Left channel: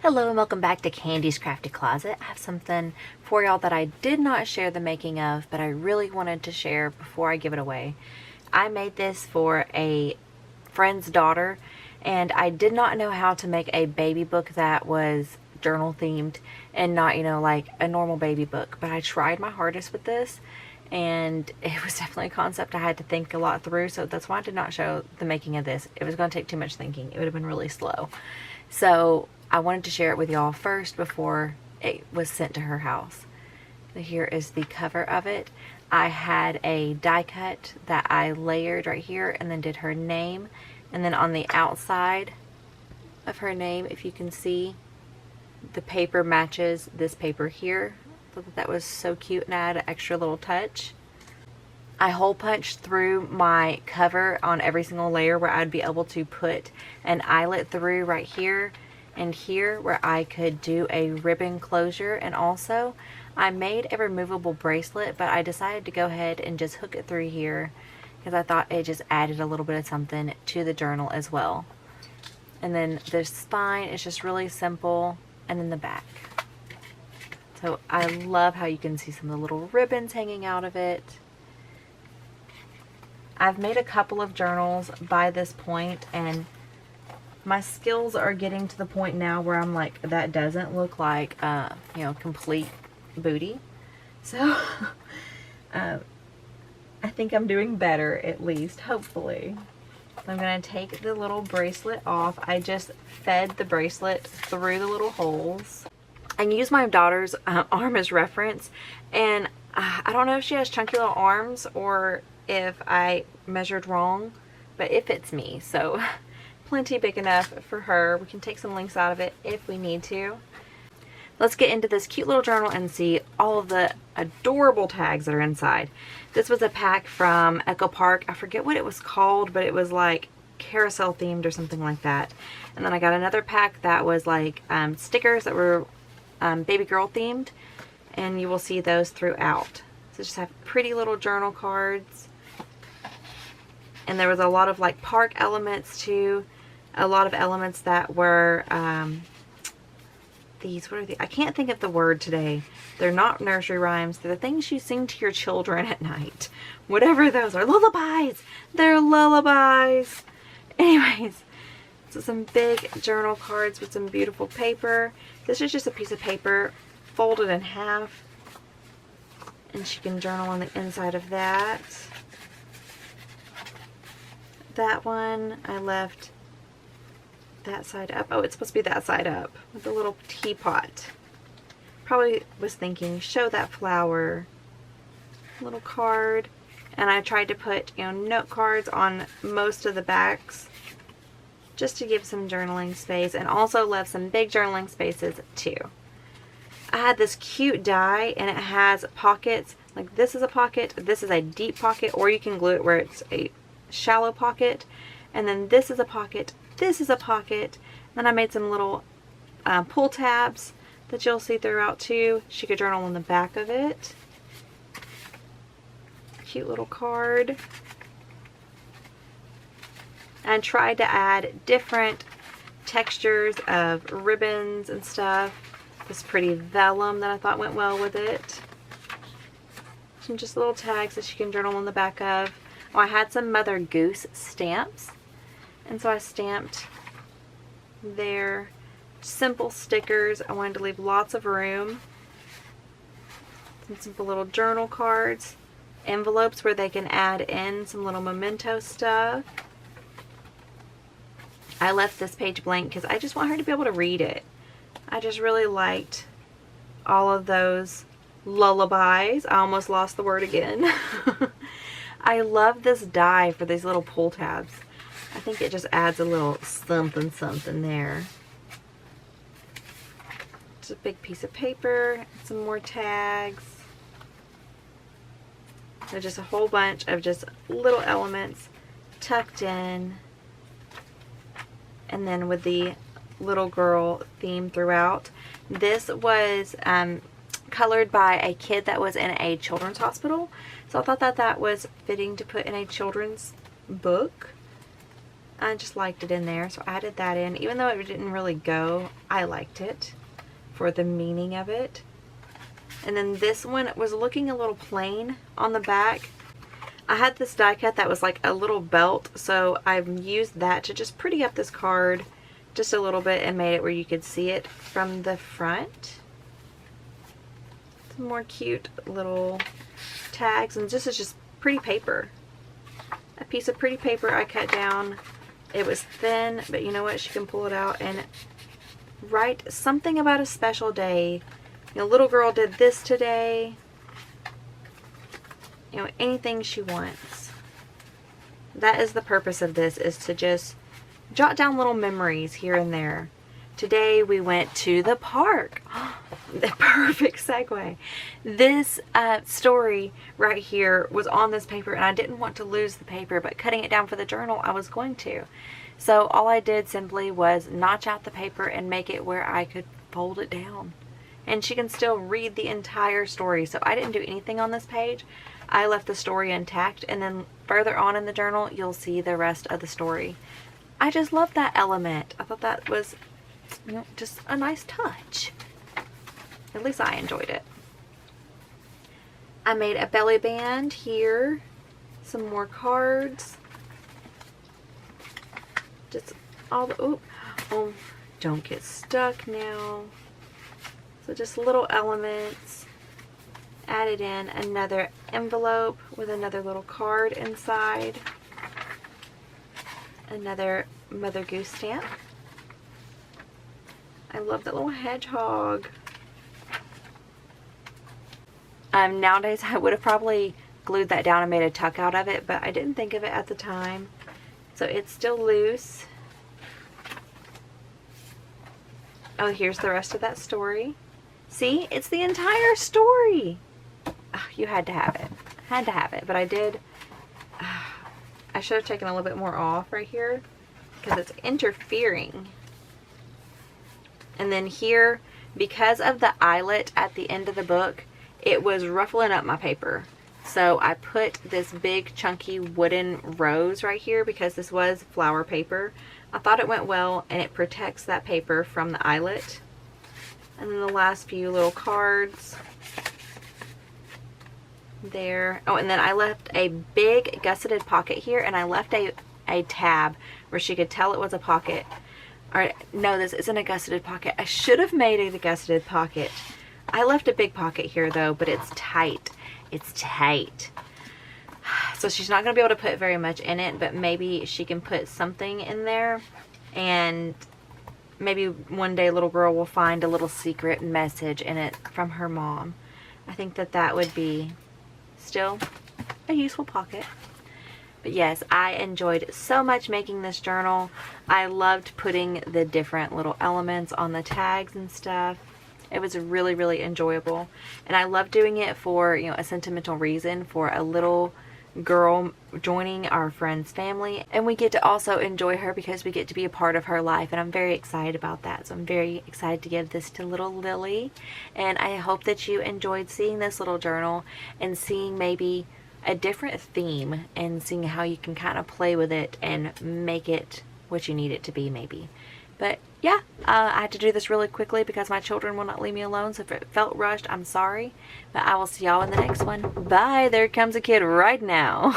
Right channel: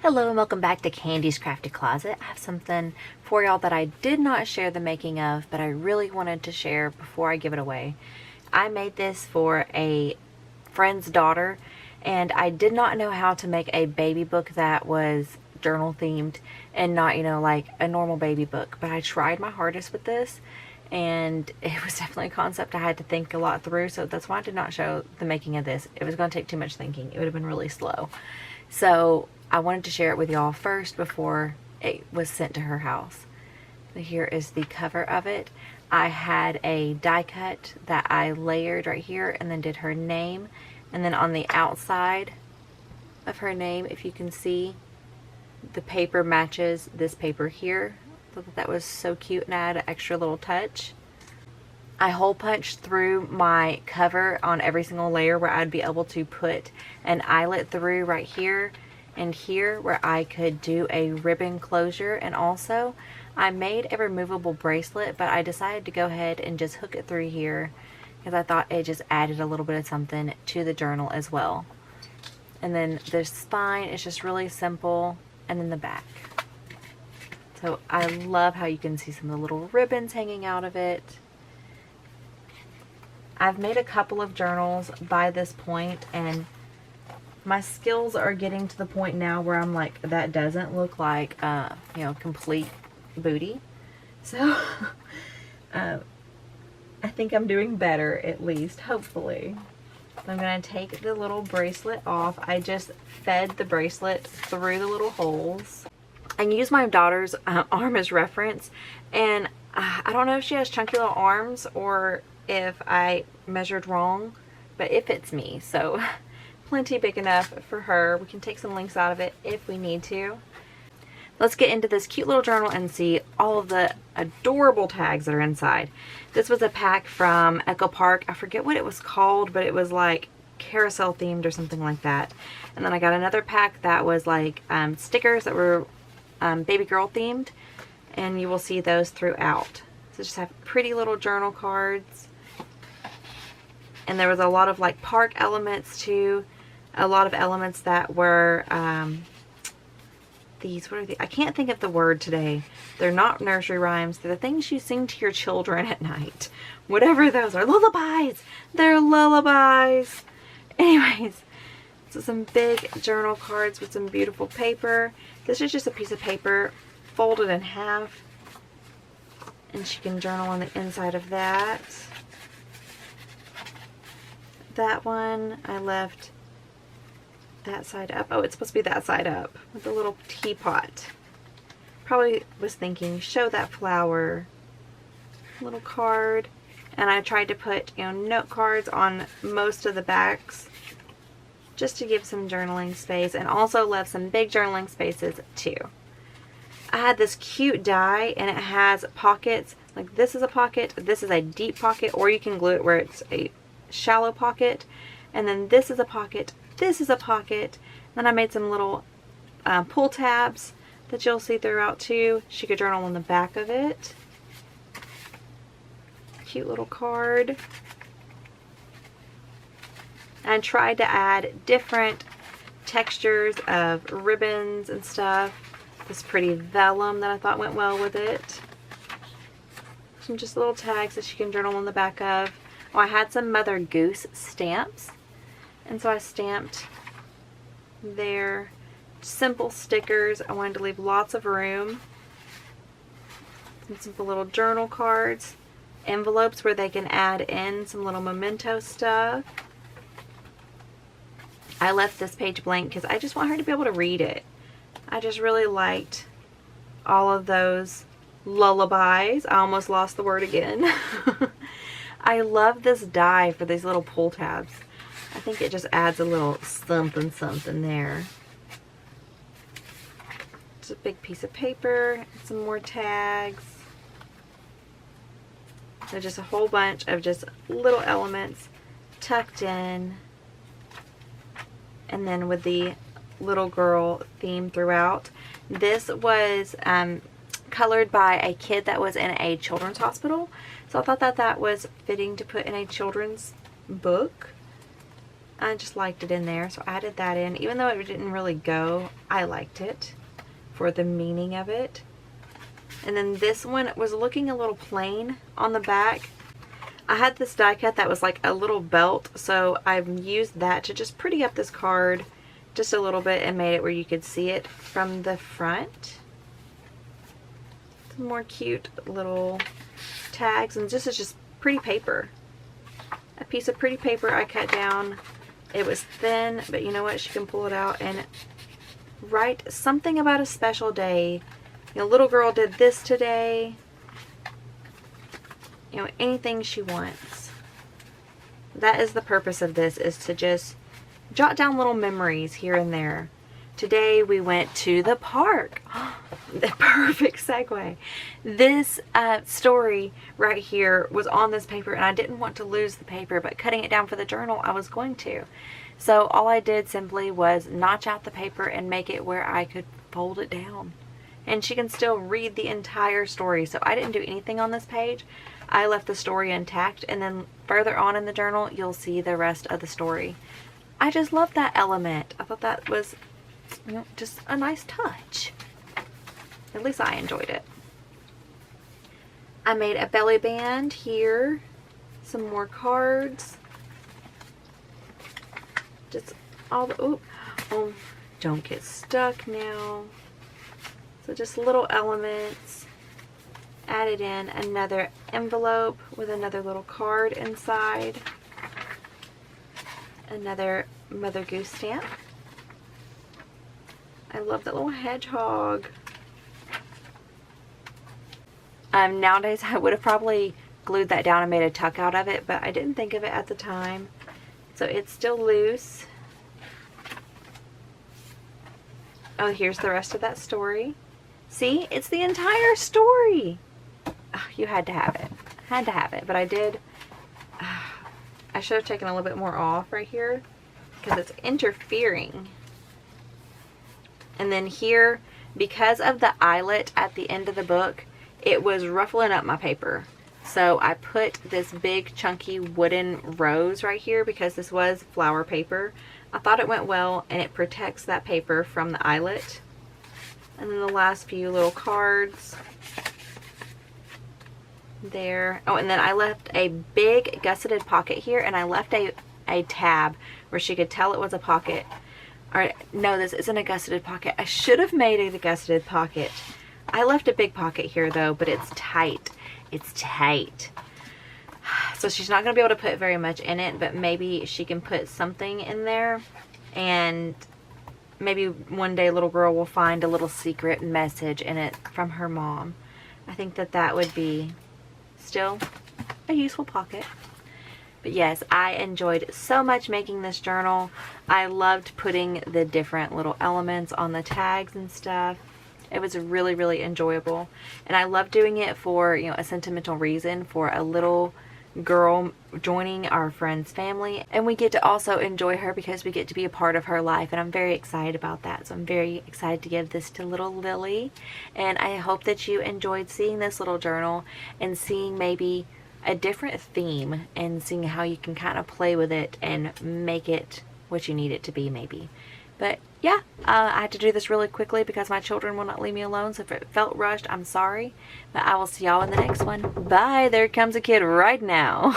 Hello and welcome back to Candy's Crafty Closet. I have something for y'all that I did not share the making of, but I really wanted to share before I give it away. I made this for a friend's daughter, and I did not know how to make a baby book that was journal themed and not, like a normal baby book, but I tried my hardest with this, and it was definitely a concept I had to think a lot through, so that's why I did not show the making of this. It was going to take too much thinking. It would have been really slow. So I wanted to share it with y'all first before it was sent to her house. And here is the cover of it. I had a die cut that I layered right here and then did her name. And then on the outside of her name, if you can see, the paper matches this paper here. I thought that was so cute and I had an extra little touch. I hole punched through my cover on every single layer where I'd be able to put an eyelet through right here and here where I could do a ribbon closure. And also I made a removable bracelet, but I decided to go ahead and just hook it through here because I thought it just added a little bit of something to the journal as well. And then the spine is just really simple, and then the back. So I love how you can see some of the little ribbons hanging out of it. I've made a couple of journals by this point, and my skills are getting to the point now where I'm like, that doesn't look like, complete booty. So, I think I'm doing better, at least, hopefully. So I'm going to take the little bracelet off. I just fed the bracelet through the little holes. I use my daughter's arm as reference, and I don't know if she has chunky little arms or if I measured wrong, but it fits me, so plenty big enough for her. We can take some links out of it if we need to. Let's get into this cute little journal and see all of the adorable tags that are inside. This was a pack from Echo Park. I forget what it was called, but it was like carousel themed or something like that. And then I got another pack that was like stickers that were baby girl themed, and you will see those throughout. So just have pretty little journal cards. And there was a lot of like park elements too. A lot of elements that were I can't think of the word today. They're not nursery rhymes. They're the things you sing to your children at night. Whatever those are. Lullabies! They're lullabies! Anyways, so some big journal cards with some beautiful paper. This is just a piece of paper folded in half. And she can journal on the inside of that. That one, I left that side up. Oh, it's supposed to be that side up. With a little teapot. Probably was thinking, show that flower. Little card. And I tried to put, note cards on most of the backs, just to give some journaling space, and also left some big journaling spaces too. I had this cute die, and it has pockets. Like this is a pocket, this is a deep pocket, or you can glue it where it's a shallow pocket. And then this is a pocket, this is a pocket. Then I made some little pull tabs that you'll see throughout too. She could journal on the back of it. Cute little card. And tried to add different textures of ribbons and stuff. This pretty vellum that I thought went well with it. Some just little tags that she can journal on the back of. Oh, I had some Mother Goose stamps. And so I stamped their simple stickers. I wanted to leave lots of room. Some simple little journal cards. Envelopes where they can add in some little memento stuff. I left this page blank because I just want her to be able to read it. I just really liked all of those lullabies. I almost lost the word again. I love this die for these little pull tabs. I think it just adds a little something there. It's a big piece of paper, some more tags. There's just a whole bunch of just little elements tucked in. And then with the little girl theme throughout. This was colored by a kid that was in a children's hospital. So I thought that that was fitting to put in a children's book. I just liked it in there, so I added that in. Even though it didn't really go, I liked it for the meaning of it. And then this one was looking a little plain on the back. I had this die cut that was like a little belt, so I've used that to just pretty up this card just a little bit and made it where you could see it from the front. Some more cute little tags, and this is just pretty paper. A piece of pretty paper I cut down. It was thin, but you know what? She can pull it out and write something about a special day. You know, little girl did this today. You know, anything she wants. That is the purpose of this, is to just jot down little memories here and there. Today we went to the park. A perfect segue. This story right here was on this paper, and I didn't want to lose the paper, but cutting it down for the journal, I was going to. So all I did simply was notch out the paper and make it where I could fold it down. And she can still read the entire story. So I didn't do anything on this page. I left the story intact, and then further on in the journal, you'll see the rest of the story. I just love that element. I thought that was, you know, just a nice touch. At least I enjoyed it. I made a belly band here. Some more cards. Just all the, oh, don't get stuck now. So just little elements. Added in another envelope with another little card inside. Another Mother Goose stamp. I love the little hedgehog. Nowadays I would have probably glued that down and made a tuck out of it, but I didn't think of it at the time. So it's still loose. Oh, here's the rest of that story. See, it's the entire story. Oh, you had to have it. Had to have it, but I did. I should have taken a little bit more off right here because it's interfering. And then here, because of the eyelet at the end of the book, it was ruffling up my paper. So I put this big chunky wooden rose right here because this was flower paper. I thought it went well, and it protects that paper from the eyelet. And then the last few little cards there. Oh, and then I left a big gusseted pocket here, and I left a tab where she could tell it was a pocket. Or no, this isn't a gusseted pocket. I should have made it a gusseted pocket. I left a big pocket here though, but it's tight. It's tight. So she's not going to be able to put very much in it, but maybe she can put something in there, and maybe one day little girl will find a little secret message in it from her mom. I think that that would be still a useful pocket. But yes, I enjoyed so much making this journal. I loved putting the different little elements on the tags and stuff. It was really, really enjoyable. And I love doing it for, you know, a sentimental reason, for a little girl joining our friend's family. And we get to also enjoy her because we get to be a part of her life. And I'm very excited about that. So I'm very excited to give this to little Lily. And I hope that you enjoyed seeing this little journal and seeing maybe a different theme and seeing how you can kind of play with it and make it what you need it to be maybe. But yeah, I had to do this really quickly because my children will not leave me alone. So if it felt rushed, I'm sorry. But I will see y'all in the next one. Bye. There comes a kid right now.